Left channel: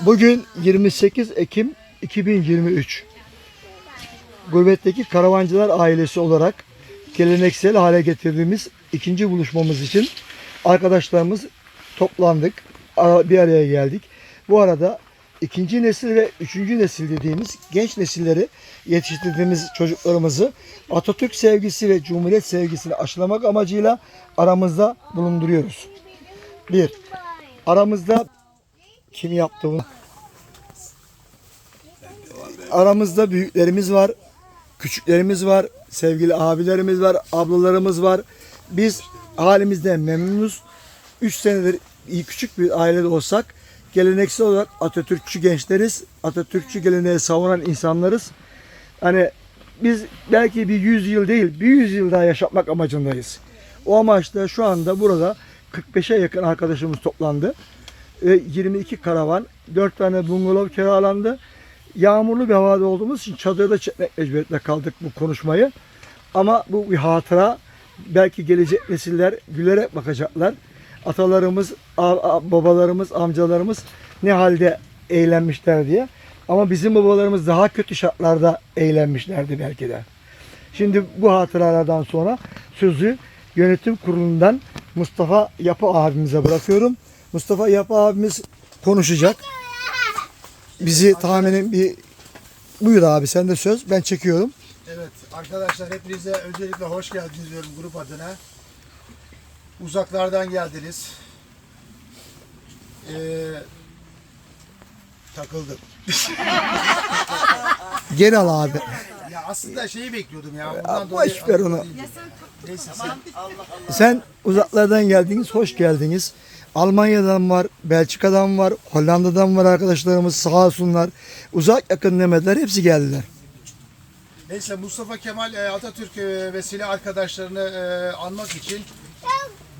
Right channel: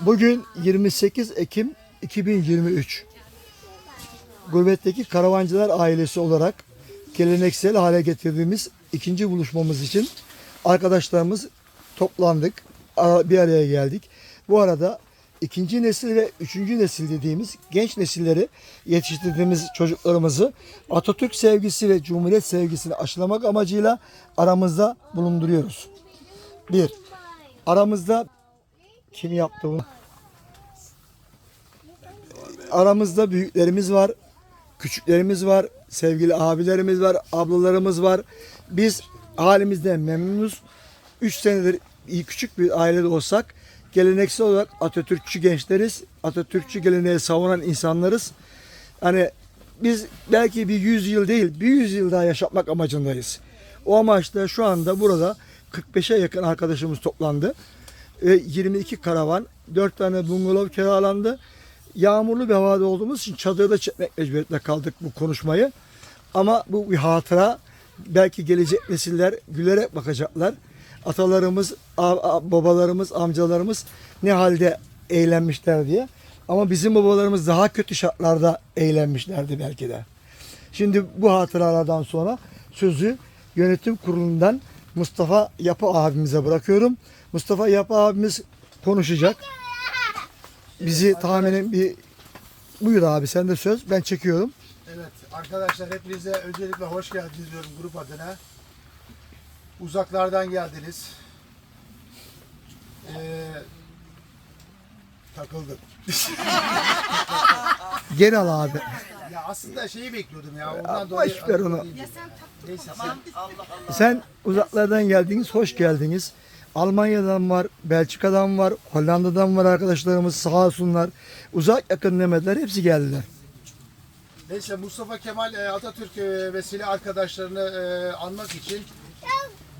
Bugün 28 Ekim 2023. Gurbetteki karavancılar ailesi olarak geleneksel hale getirdiğimiz ikinci buluşmamız için arkadaşlarımız toplandık. Bir araya geldik. Bu arada ikinci nesil ve üçüncü nesil dediğimiz genç nesilleri yetiştirdiğimiz çocuklarımızı Atatürk sevgisi ve Cumhuriyet sevgisini aşılamak amacıyla aramızda bulunduruyoruz. Bir, aramızda kim yaptı bunu? Aramızda büyüklerimiz var, küçüklerimiz var, sevgili abilerimiz var, ablalarımız var. Biz halimizden memnunuz. 3 senedir iyi küçük bir ailede olsak geleneksel olarak Atatürkçü gençleriz. Atatürkçü geleneği savunan insanlarız. Hani biz belki bir 100 yıl değil, bir 100 yıl daha yaşatmak amacındayız. O amaçla şu anda burada 45'e yakın arkadaşımız toplandı. Ve 22 karavan, 4 tane bungalov kiralandı. Yağmurlu bir havada olduğumuz için çadırda çekmek mecburiyetinde kaldık bu konuşmayı. Ama bu bir hatıra. Belki gelecek nesiller gülerek bakacaklar. Atalarımız, babalarımız, amcalarımız ne halde eğlenmişler diye. Ama bizim babalarımız daha kötü şartlarda eğlenmişlerdi belki de. Şimdi bu hatıralardan sonra sözü yönetim kurulundan Mustafa Yapı abimize bırakıyorum. Mustafa Yapı abimiz konuşacak. Bizi tahminen bir buyur abi sen de söz ben çekiyorum. Evet arkadaşlar hepinize öncelikle hoş geldiniz diyorum grup adına. Uzaklardan geldiniz. Ee, takıldım. Geri al abi. Ya aslında şeyi bekliyordum ya. Ondan dolayı boş ver onu. Neyse sen Sen uzaklardan geldiniz, hoş geldiniz. Almanya'dan var, Belçika'dan var, Hollanda'dan var arkadaşlarımız sağ olsunlar. Uzak yakın demediler, hepsi geldiler. Neyse Mustafa Kemal e, Atatürk e, vesile arkadaşlarını e, anmak için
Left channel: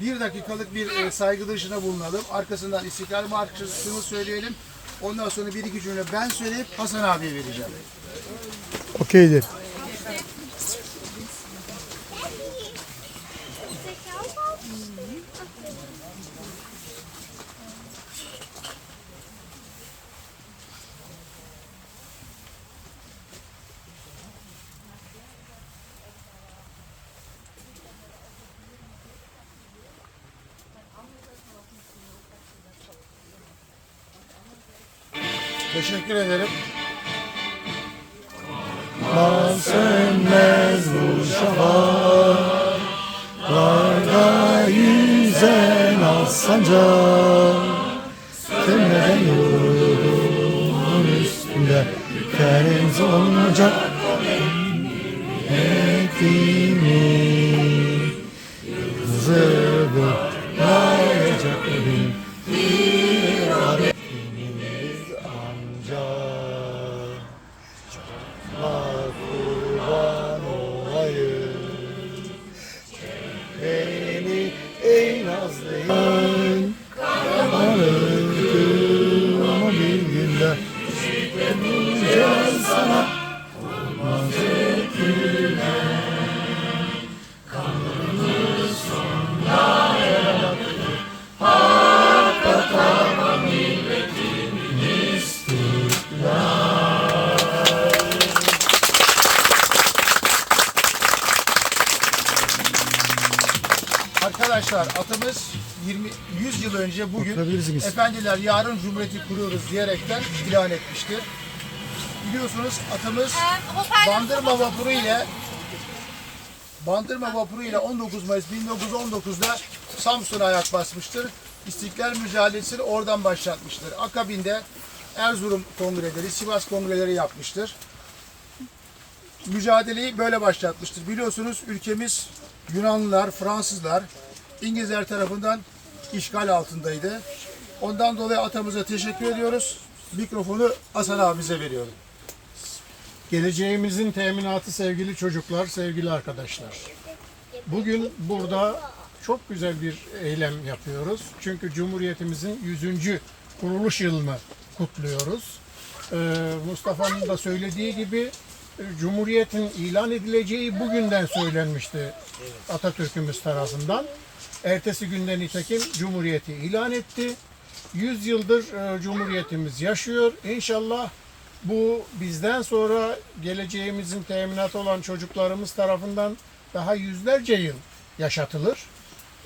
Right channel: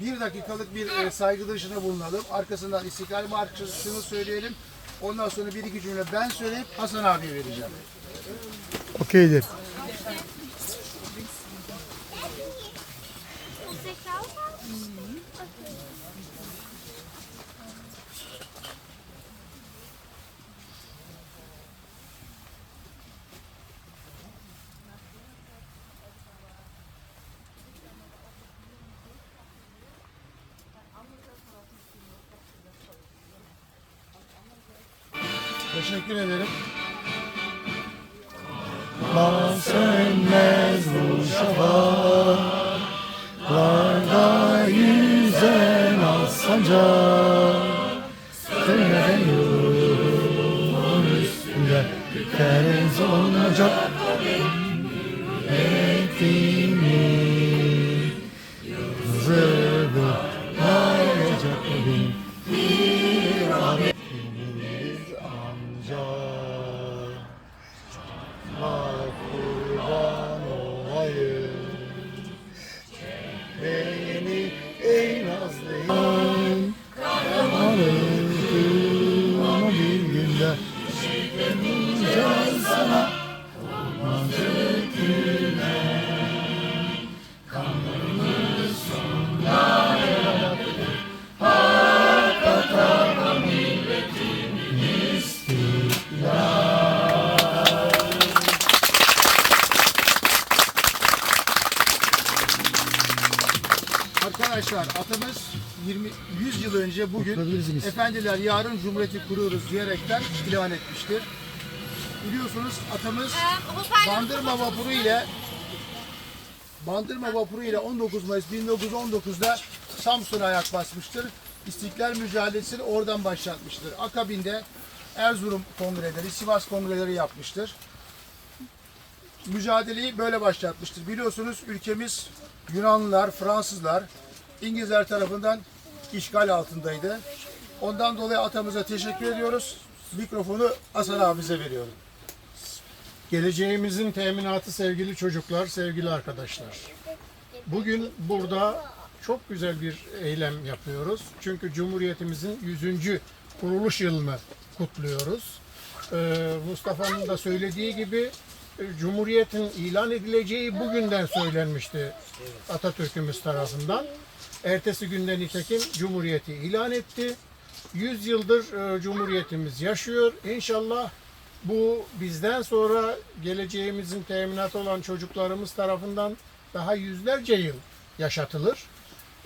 bir dakikalık bir saygı duruşuna bulunalım. Arkasından İstiklal Marşı'nı söyleyelim. Ondan sonra bir iki cümle ben söyleyip Hasan abiye vereceğim. Okeydir. Yüzen az sancak Sönmeden yolumun üstünde Kereniz olmayacak Ettiğimi efendiler yarın cumhuriyeti kuruyoruz diyerekten ilan etmiştir. Biliyorsunuz atamız Bandırma vapuru ile Bandırma vapuru ile 19 Mayıs 1919'da Samsun'a ayak basmıştır. İstiklal mücadelesini oradan başlatmıştır. Akabinde Erzurum kongreleri, Sivas kongreleri yapmıştır. Mücadeleyi böyle başlatmıştır. Biliyorsunuz ülkemiz Yunanlılar, Fransızlar, İngilizler tarafından işgal altındaydı. Ondan dolayı atamıza teşekkür ediyoruz. Mikrofonu Hasan abimize veriyorum. Geleceğimizin teminatı sevgili çocuklar, sevgili arkadaşlar. Bugün burada çok güzel bir eylem yapıyoruz. Çünkü Cumhuriyetimizin 100. kuruluş yılını kutluyoruz. Ee, Mustafa'nın da söylediği gibi e, Cumhuriyetin ilan edileceği bugünden söylenmişti Atatürk'ümüz tarafından. Ertesi günden nitekim Cumhuriyeti ilan etti. 100 yıldır e, Cumhuriyetimiz yaşıyor. İnşallah bu bizden sonra geleceğimizin teminatı olan çocuklarımız tarafından daha yüzlerce yıl yaşatılır.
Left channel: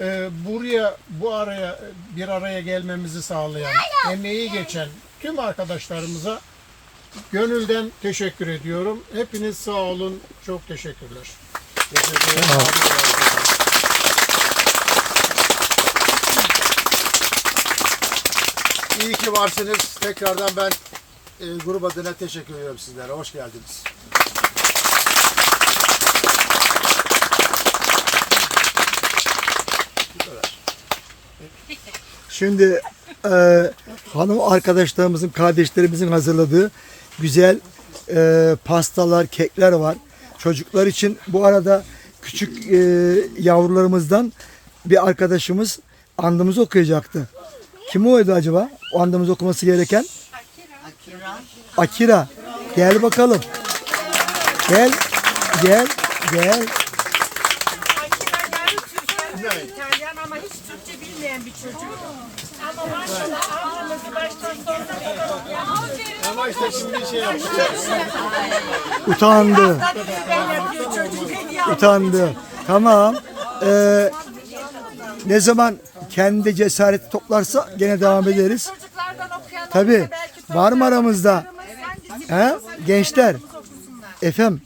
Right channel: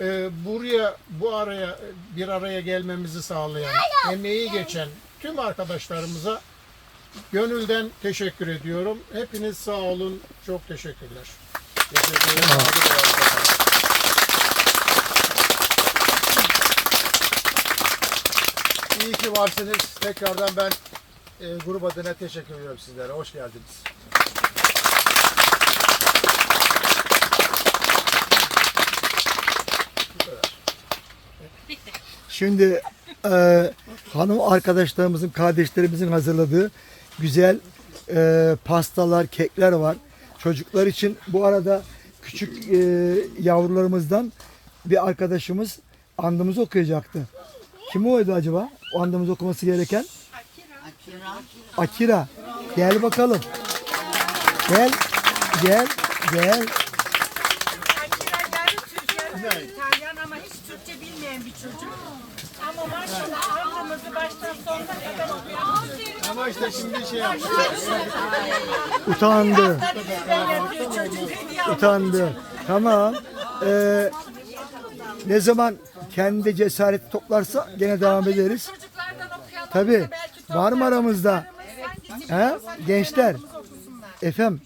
E, buraya bu araya bir araya gelmemizi sağlayan, emeği geçen tüm arkadaşlarımıza gönülden teşekkür ediyorum. Hepiniz sağ olun. Çok teşekkürler. Teşekkür ederim. Abi, bravo. İyi ki varsınız. Tekrardan ben e, grup adına teşekkür ediyorum sizlere. Hoş geldiniz. Şimdi e, hanım arkadaşlarımızın, kardeşlerimizin hazırladığı güzel e, pastalar, kekler var. Çocuklar için bu arada küçük e, yavrularımızdan bir arkadaşımız andımızı okuyacaktı. Kim oydu acaba? O andımızı okuması gereken? Akira. Akira. Gel bakalım. Gel. Gel. Gel. İtalyan ama hiç Türkçe bilmeyen bir çocuk. Ama maşallah ağzımızı baştan sonuna kadar okuyan Ama işte şimdi şey Utandı. Utandı. Tamam. Ee, ne zaman kendi cesaret toplarsa gene devam ederiz. Tabii. Var mı aramızda? He? Gençler. Efem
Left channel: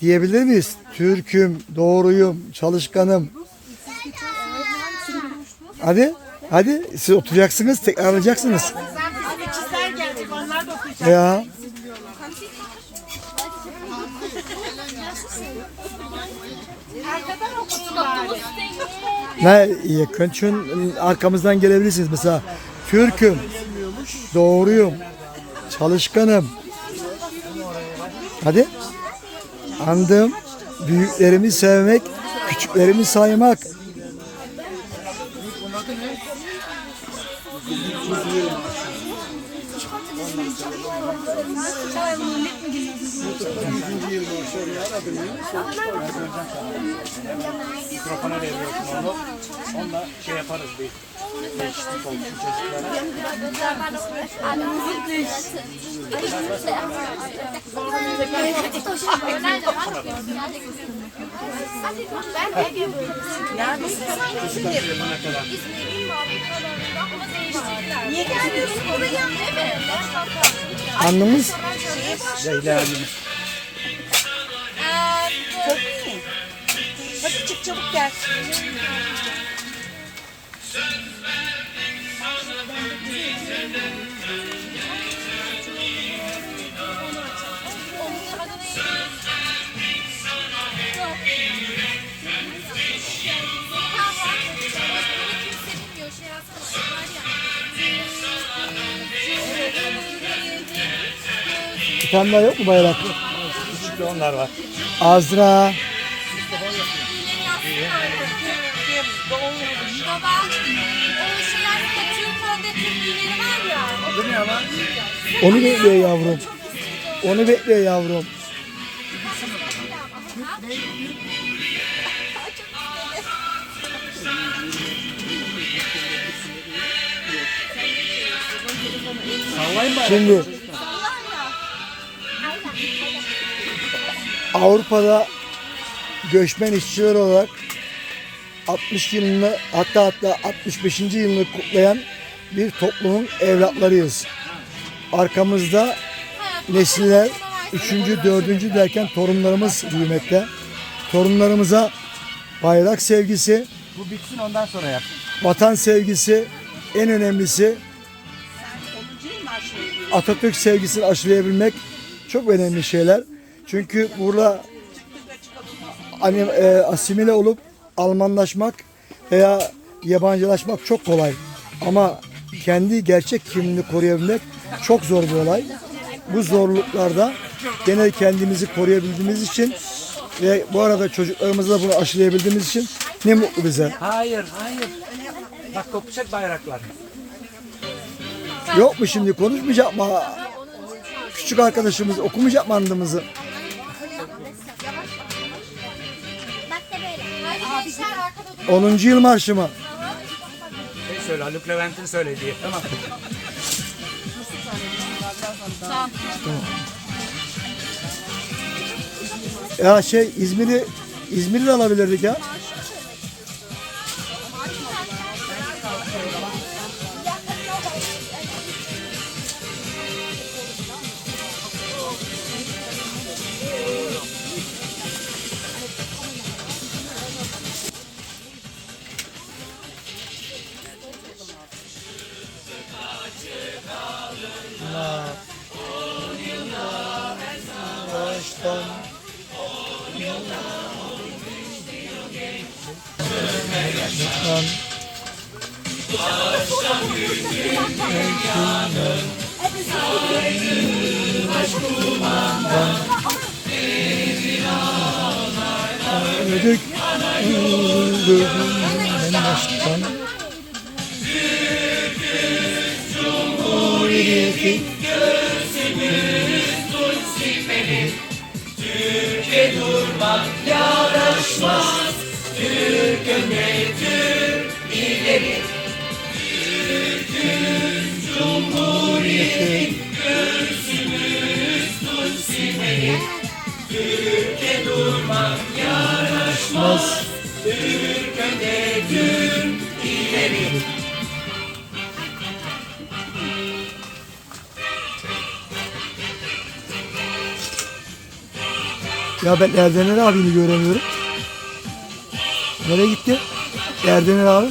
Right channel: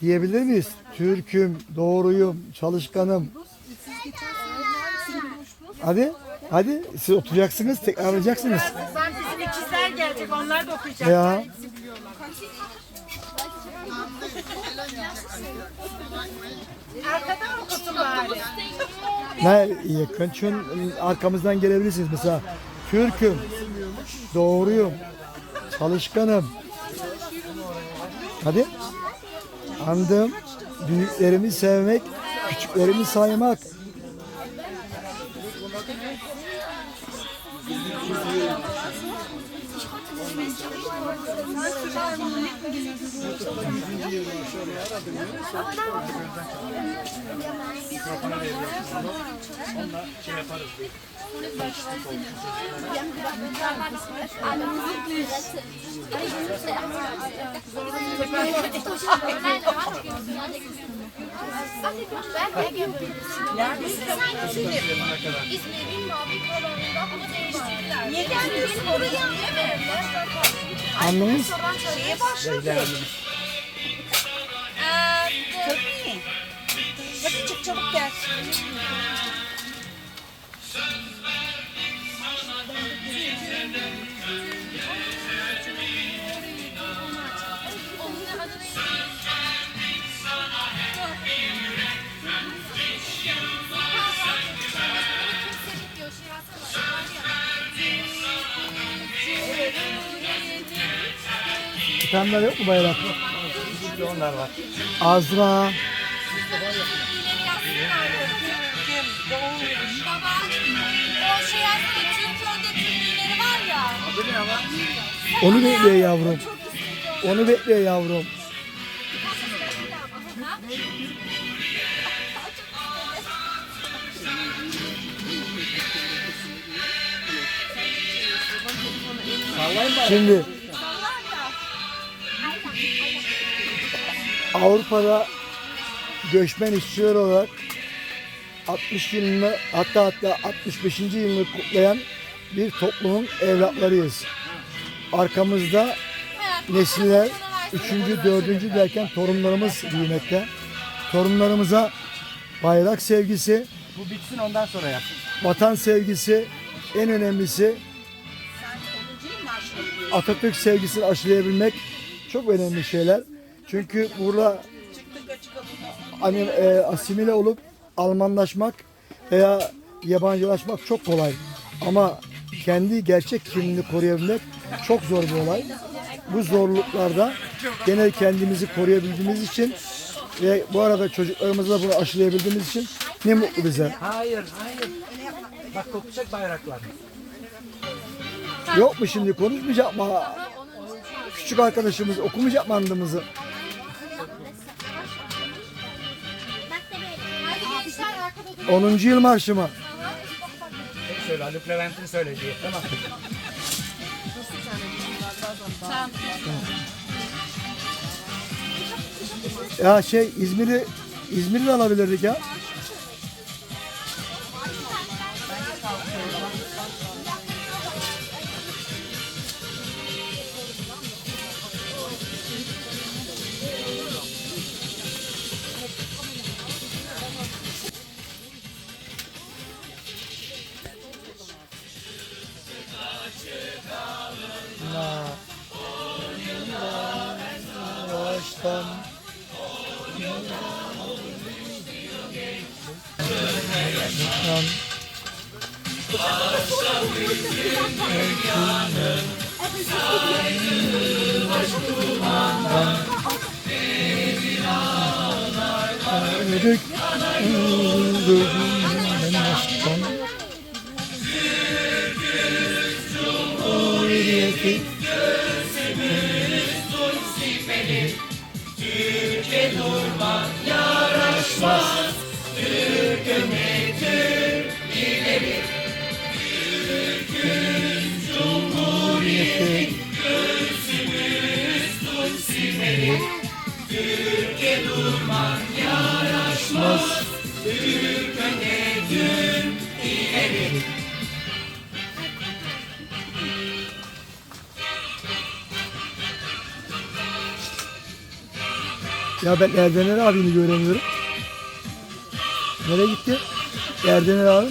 diyebilir miyiz? Türk'üm, doğruyum, çalışkanım. Hadi. Hadi siz oturacaksınız, tekrarlayacaksınız. Bizim. Ya. Arkadan okusun bari. Ne yakın arkamızdan gelebilirsiniz mesela. Türk'üm, doğruyum, çalışkanım. Hadi. Andım, büyüklerimi sevmek, küçüklerimi saymak. Ben Ege bölümündeyim. Ya İzmir'in mavi kalanında ama değiştirdiler. Niye geldiniz? Oraya ne verirler? Anlamız Şeye başladı. Çok iyi. Hadi çık çabuk gel. tutanlar yok mu bayrak? onlar var. Azra. Onu bekliyor yavrum. Onu bekliyor yavrum. Şimdi Avrupa'da göçmen işçiler olarak 60 yılını hatta hatta 65. yılını kutlayan bir toplumun evlatlarıyız. Arkamızda nesiller 3. 4. derken torunlarımız büyümekte. Torunlarımıza bayrak sevgisi, Bu bitsin ondan sonra yap. vatan sevgisi, en önemlisi Atatürk sevgisini aşılayabilmek çok önemli şeyler. Çünkü burada hani e, asimile olup Almanlaşmak veya yabancılaşmak çok kolay. Ama kendi gerçek kimliğini koruyabilmek çok zor bir olay. Bu zorluklarda gene kendimizi koruyabildiğimiz için ve bu arada çocuklarımıza bunu aşılayabildiğimiz için ne mutlu bize. Hayır, hayır. Bak kopacak bayraklar. Yok mu şimdi konuşmayacak mı? Küçük arkadaşımız okumayacak mı andımızı? 10. yıl marşı mı? söyle. Haluk Levent'in söylediği. Tamam. Ya şey İzmir'i İzmir'i de alabilirdik ya. Cumhuriyeti Ya ben Erdener abini göremiyorum. Nereye gitti? Erdener abi.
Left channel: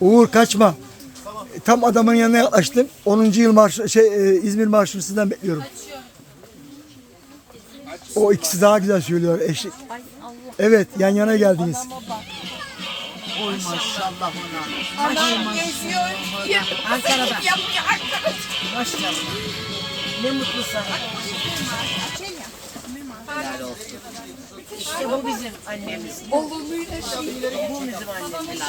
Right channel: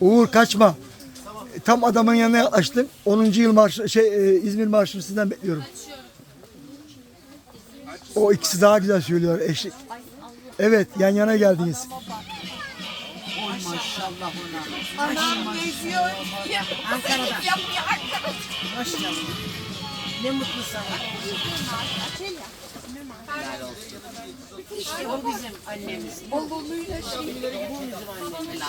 Uğur kaçma. Tam adamın yanına yaklaştım. 10. yıl marş şey e, İzmir marşını sizden bekliyorum. O ikisi daha güzel söylüyor eşlik. Evet yan yana geldiniz. Ne mutlu sana. İşte bu bizim annemiz. Bu bizim annemiz.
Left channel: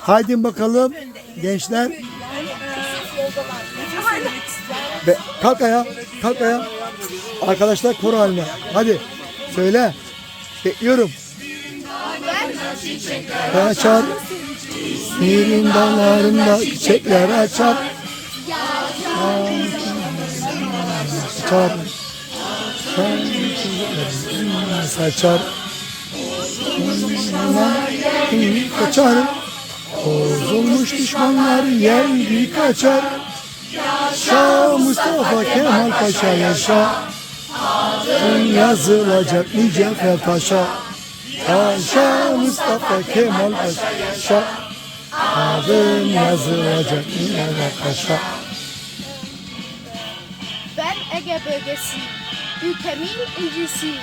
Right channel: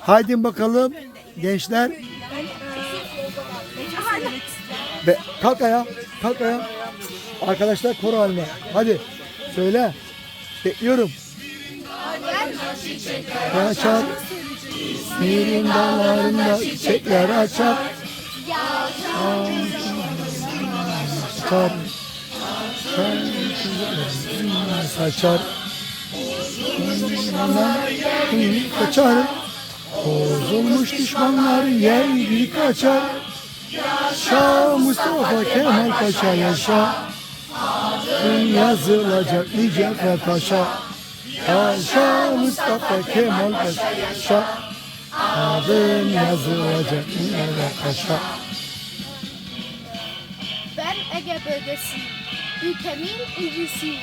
Haydi bakalım gençler. Be, kalk ayağa. Kalk ayağa. Arkadaşlar koro haline. Hadi söyle. Bekliyorum. Açar. İzmir'in dallarında çiçekler açar. Açar. Saçar. Kaçar. Bozulmuş düşmanlar yendi kaçar. Yaşa Mustafa Kemal Paşa yaşa. Adın yazılacak Mücevher Paşa. Yaşa Mustafa Kemal Paşa yaşa. Adın yazılacak Mücevher Paşa. Ben Ege bölgesiyim. Ülkemin incisi.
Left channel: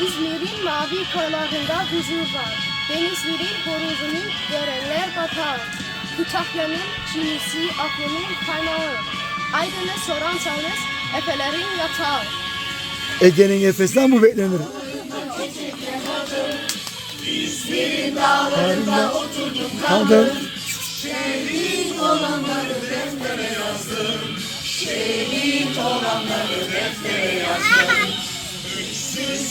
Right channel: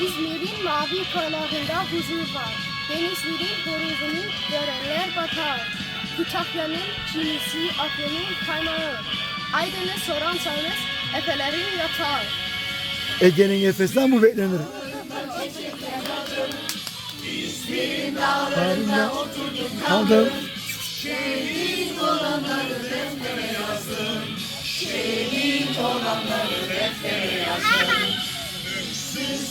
İzmir'in mavi koylarında huzur var. Denizli'nin horozunun görenler batar. Kütahya'nın çinisi aklının kaynağı. Aydın'ı sorarsanız efelerin yatağı. Ege'nin efesinden bu beklenir. Harika. Kaldım.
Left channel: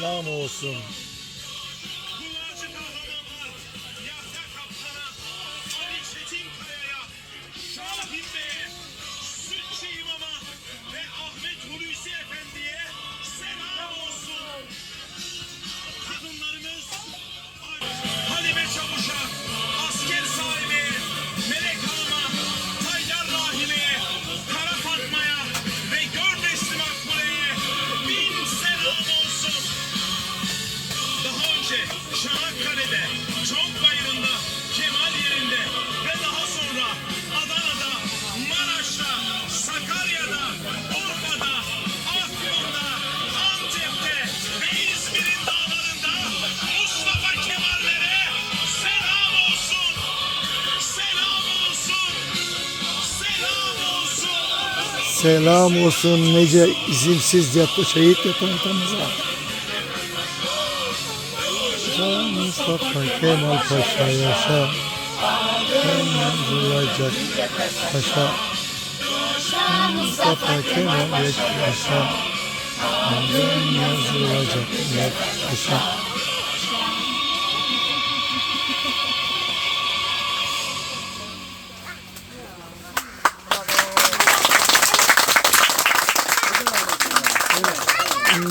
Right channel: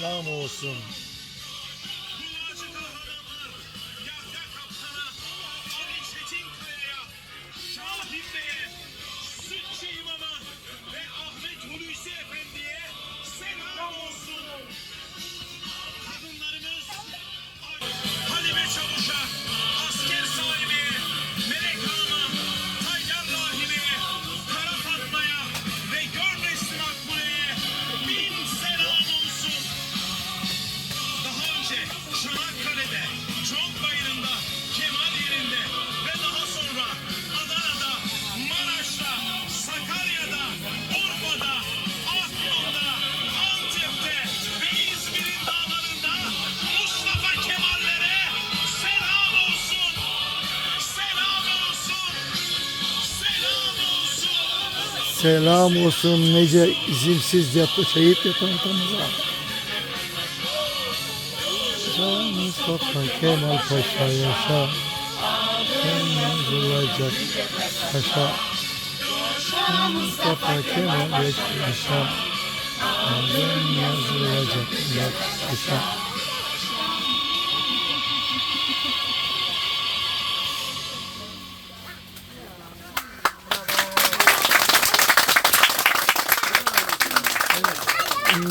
Selam olsun. Selam olsun nice isimsiz yatı şehit yatan atamıza. Yaşa Mustafa Kemal Paşa yaşa. Sen yazılacak paşa. Mustafa Kemal yaşa. Sen yazılacak paşa.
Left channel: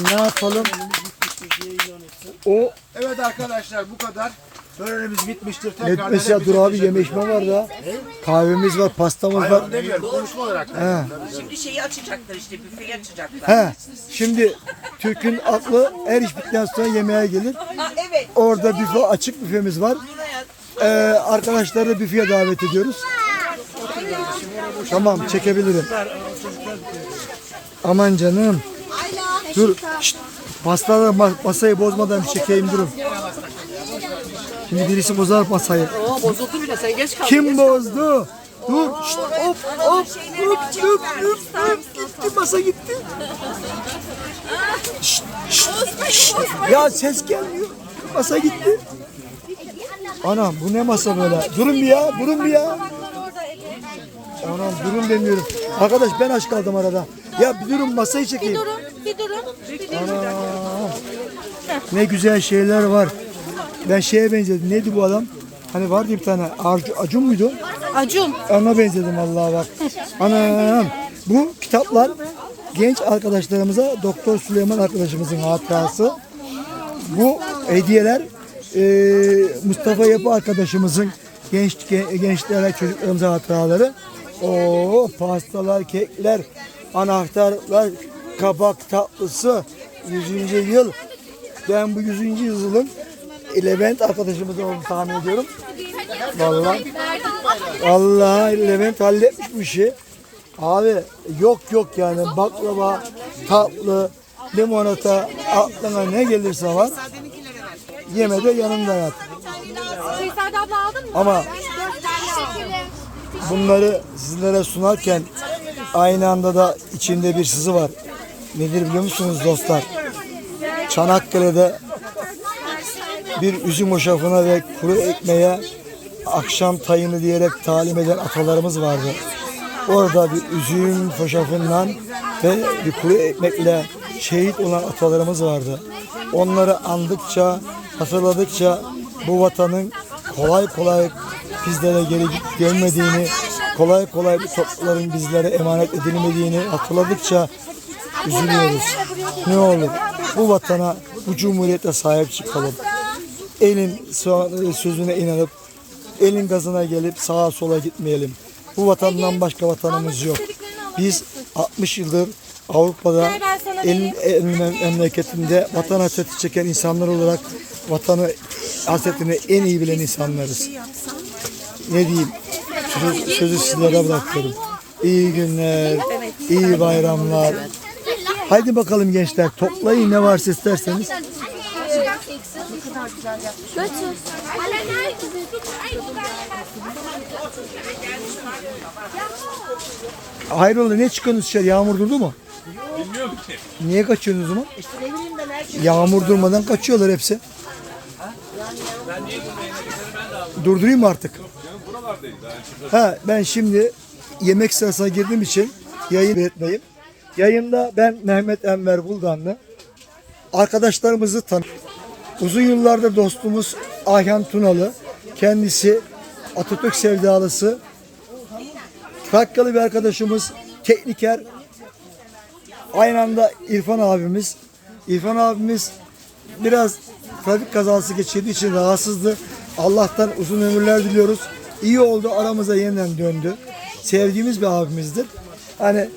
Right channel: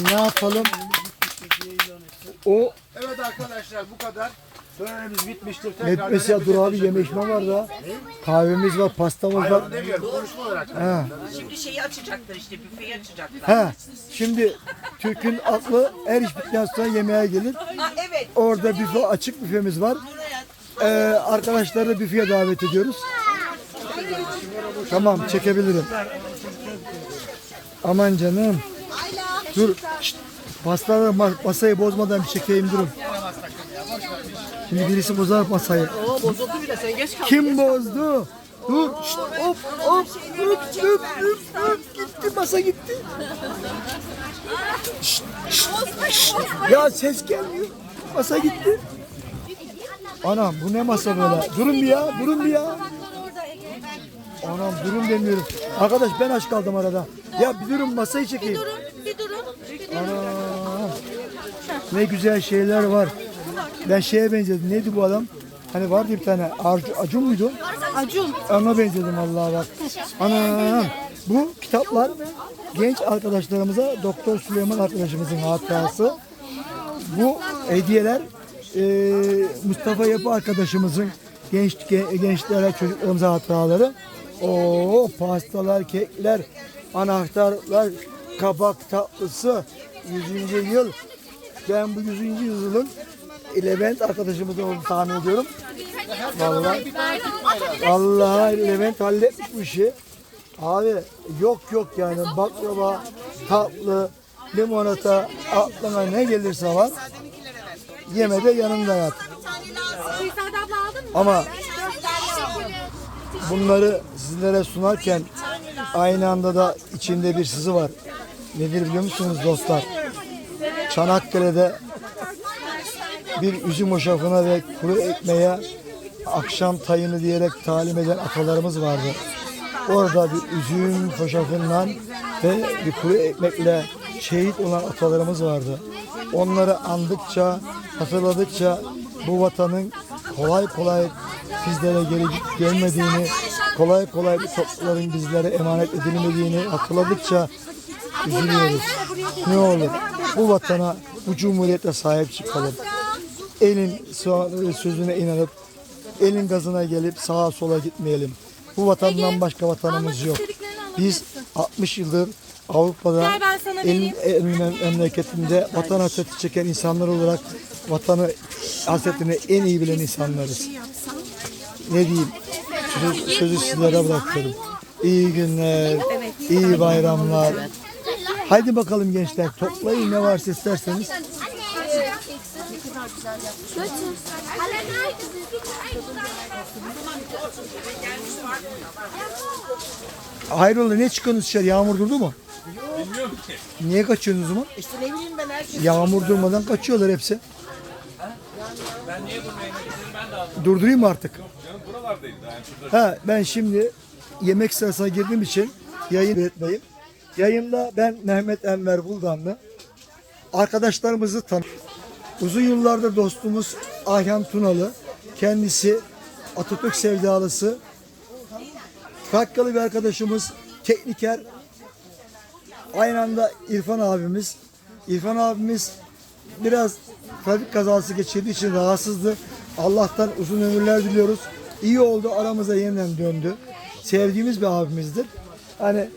Ne yapalım? O Evet arkadaşlar bu kadar. Törenimiz bitmiştir. Tekrar Netmesi ya dur abi yeme içme var da. Kahvemiz var, pastamız var. demiyorum konuşma olarak. He. Şimdi şeyi açacaklar işte büfeyi açacaklar. He. Şimdi Türk'ün aklı her iş bittikten sonra yemeğe gelir. Ha evet. Orada büfe açık büfemiz var. Ee, arkadaşları büfeye davet ediyoruz. Tamam çekebilirim. Aman canım. Dur. Şşt, pastaları ma- masayı bozmadan bir çekeyim durun. Şimdi birisi bozar masayı. O bozuldu bile sen geç kaldın. Kim bozdu? Dur. Şşt, hop hop hop hop hop hop gitti masa gitti. Şşt, şşt, şşt. Ya ses gelmiyor. Masa gitti. Anam bu ne masa böyle? Durun bir ya, durun bir ya. Anam durun demiyorum. Arkadaş ben aç kaldım arada. Ya bir durun masayı çekeyim. Bir durun. Anam. Ne güzel şeyler var. Ben şeye benzedim. Neydi bu adam? Hani vardı bir tane. Arcu, Acun muydu? Acun. Ona benzedim Allah'a bak. Anam. Bu kitaplar genç arkadaşlarımıza Doktor Süleyman arkadaşımızın hatırası. Bu hediyeler e, Mustafa Yapı arkadaşımızın genç ge- gençlere çocuklarımıza hatıraları. O pastalar, kekler, anahtarlar, kabak tatlısı 100. yıl. Ben bu 100. yılın Levent arkadaşımız olduğunu tahmin ediyorum. Vallahi. Vallahi Levent halletmiş bu işi. Abi yok yok yani baklava, tatlı, limonata, aklına ne gelirse var. Yemede yanında yat. Ama bunları sizlere sunarken aynı anda da içinde bir sızı var. Nedir biliyor musunuz dostlar? Çanakkale'de bir üzüm hoşafına ve kuru ekmeğe akşam tayını diyerek talim eden atalarımız vardı. Orada bir üzüm hoşafından ve bir kuru ekmekle şehit olan atalarımız vardı. Onları andıkça, hatırladıkça bu vatanın kolay kolay bizlere geri dönmediğini, kolay kolay bu toprakların bizlere emanet edilmediğini hatırladıkça üzülüyoruz. Ne olur bu vatana, bu cumhuriyete sahip çıkalım. Elin sözüne inanıp, elin gazına gelip sağa sola gitmeyelim. Bu vatandan başka vatanımız yok. Biz 60 yıldır Avrupa'da elin, elin mem- memleketinde vatan hasreti çeken insanlar olarak vatanı hasretini en iyi bilen insanlarız. Ne diyeyim? Söz- sözü sizlere bırakıyorum. İyi günler, iyi bayramlar. Haydi bakalım gençler toplayın ne varsa isterseniz. Hayrola ne çıkıyorsunuz dışarı? Yağmur durdu mu? Bilmiyorum ki. Niye kaçıyorsunuz o zaman? Yağmur durmadan kaçıyorlar hepsi. Durdurayım mı artık? Ha, ben şimdi yemek sırasına girdiğim için yayın etmeyim. Yayında ben Mehmet Enver Buldanlı. Arkadaşlarımızı tanı. Uzun yıllardır dostumuz Ayhan Tunalı. Kendisi Atatürk sevdalısı. Trakyalı bir arkadaşımız, tekniker. Aynı anda İrfan abimiz. İrfan abimiz biraz trafik kazası geçirdiği için rahatsızdı. Allah'tan uzun ömürler diliyoruz. İyi oldu aramıza yeniden döndü. Sevdiğimiz bir abimizdir. Hani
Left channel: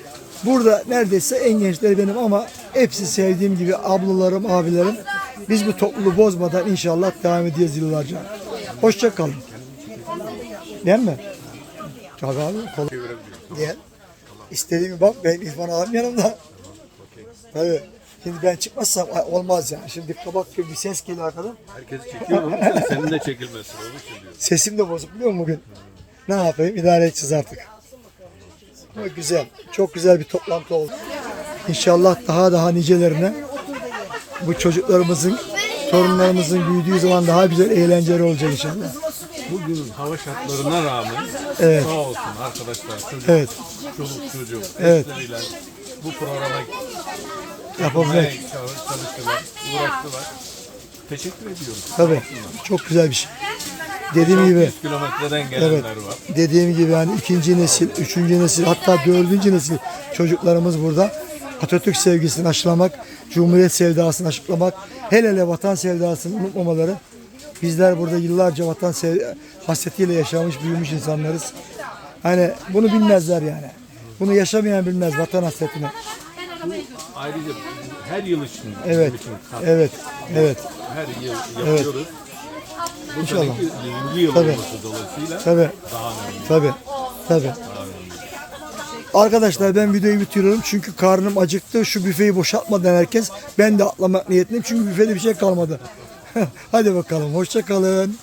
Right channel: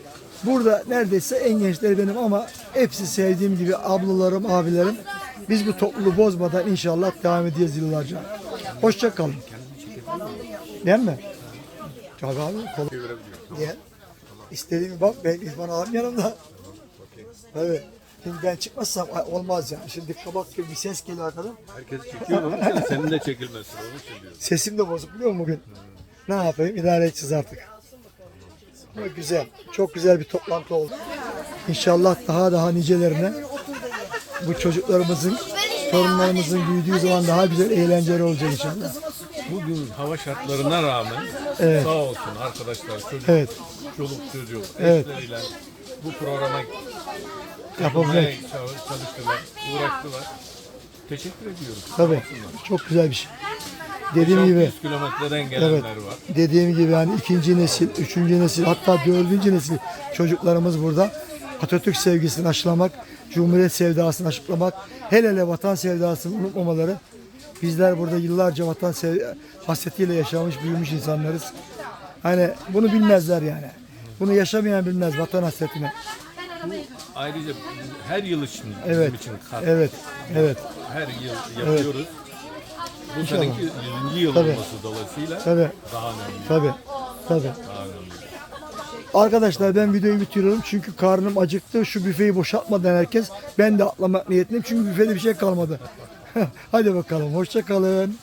burada neredeyse en gençleri benim ama hepsi sevdiğim gibi ablalarım, abilerim. Biz bu topluluğu bozmadan inşallah devam edeceğiz yıllarca. Hoşça kalın. Değil mi? Tabii abi. Kolay. Gel. İstediğimi bak ben İrfan abim yanımda. Tabii. Şimdi ben çıkmazsam olmaz yani. Şimdi kabak gibi bir ses geliyor arkadan. Herkes çekiyor onun için senin de çekilmesin onun için diyorum. Sesim de bozuk biliyor musun bugün? Ne yapayım? İdare edeceğiz artık. Ama güzel. Çok güzel bir toplantı oldu. İnşallah daha daha nicelerine bu çocuklarımızın, torunlarımızın büyüdüğü zaman daha güzel eğlenceli olacak inşallah. Bugün hava şartlarına rağmen Evet. sağ olsun arkadaşlar çocuk, Evet. çoluk çocuk Evet. bu programa Yapabilmek. çalış- çalıştılar, uğraştılar. Teşekkür ediyoruz. Tabii. Çok güzel bir şey. Dediğim gibi 100 kilometreden gelenler var. dediğim gibi yani ikinci nesil, üçüncü nesil hatta dördüncü nesil çocuklarımız burada. Atatürk sevgisini aşılamak, Cumhuriyet sevdasını aşılamak, hele hele vatan sevdasını unutmamaları. Bizler burada yıllarca vatan sev hasretiyle yaşamış, büyümüş insanlarız. Hani bunu bilmezler yani. Bunu yaşamayan bilmez vatan hasretini. Ayrıca her yıl için Evet, için evet, evet. her yıl yapıyoruz. Bu İnşallah. 100. yıl Tabii. olması dolayısıyla Tabii, daha önemli. tabii, tabii. Arkadaşlar ben videoyu bitiriyorum çünkü karnım acıktı. Şu büfeyi boşaltmadan herkes ben de atlamak niyetliyim çünkü büfede bir şey kalmadı. Hadi bakalım hoşça kalın.